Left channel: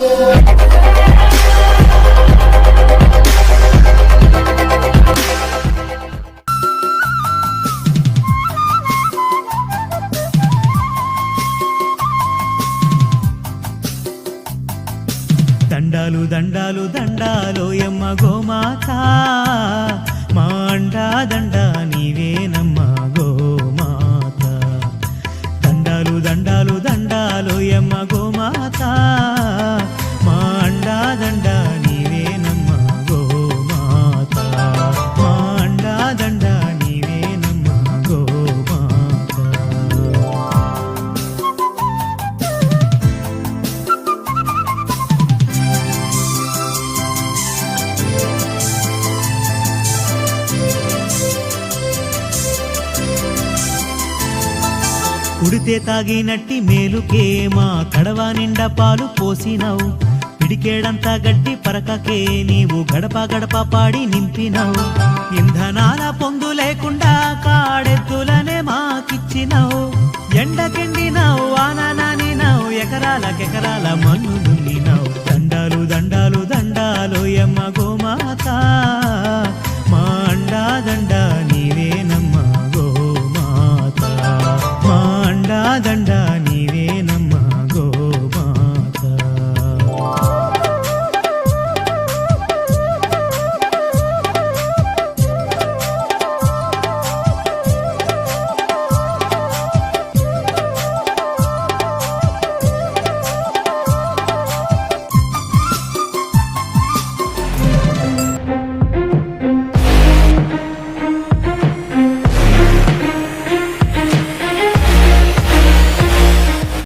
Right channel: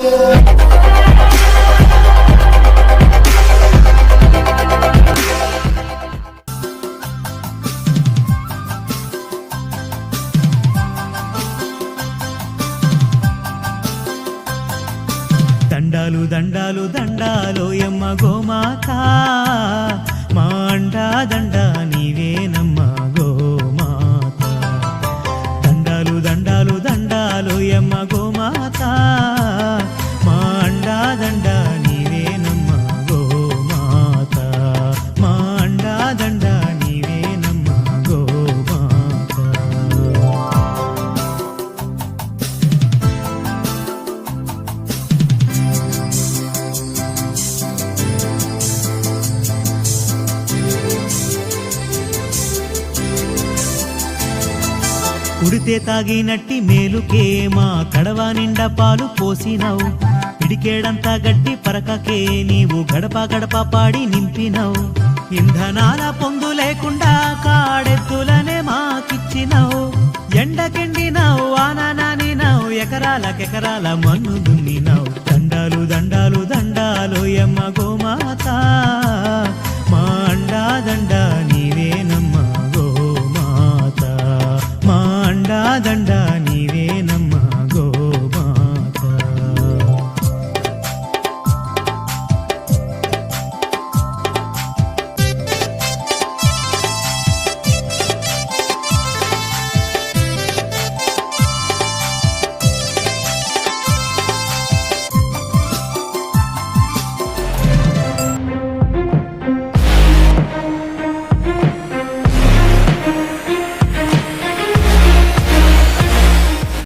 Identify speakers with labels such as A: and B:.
A: దండాలు దండాలు దండాలు ఎమ్మ గోమాత. మా అండా దండ నీవేనమ్మ గోమాత. దండాలు దండాలు దండాలు ఎమ్మ గోమాత. కుడితే తాగినట్టి మేలుకే మా కడవ నిండా పాలు పోసినావు. పిడికేడంతా గడ్డి పరకకే నీవు గడప గడప పాడి నింపినావు. ఇంధనాల పొందు లేకుండా కాడెద్దులనే మాకిచ్చినావు. ఎండకెండినావు ఎకరాల ఎకరాలకెకరాల మన్ను దున్నినావు. దండాలు దండాలు దండాలు ఎమ్మ గోమాత. మా అండా దండ నీవేనమ్మ. కాదండా నీవేనమ్మా గో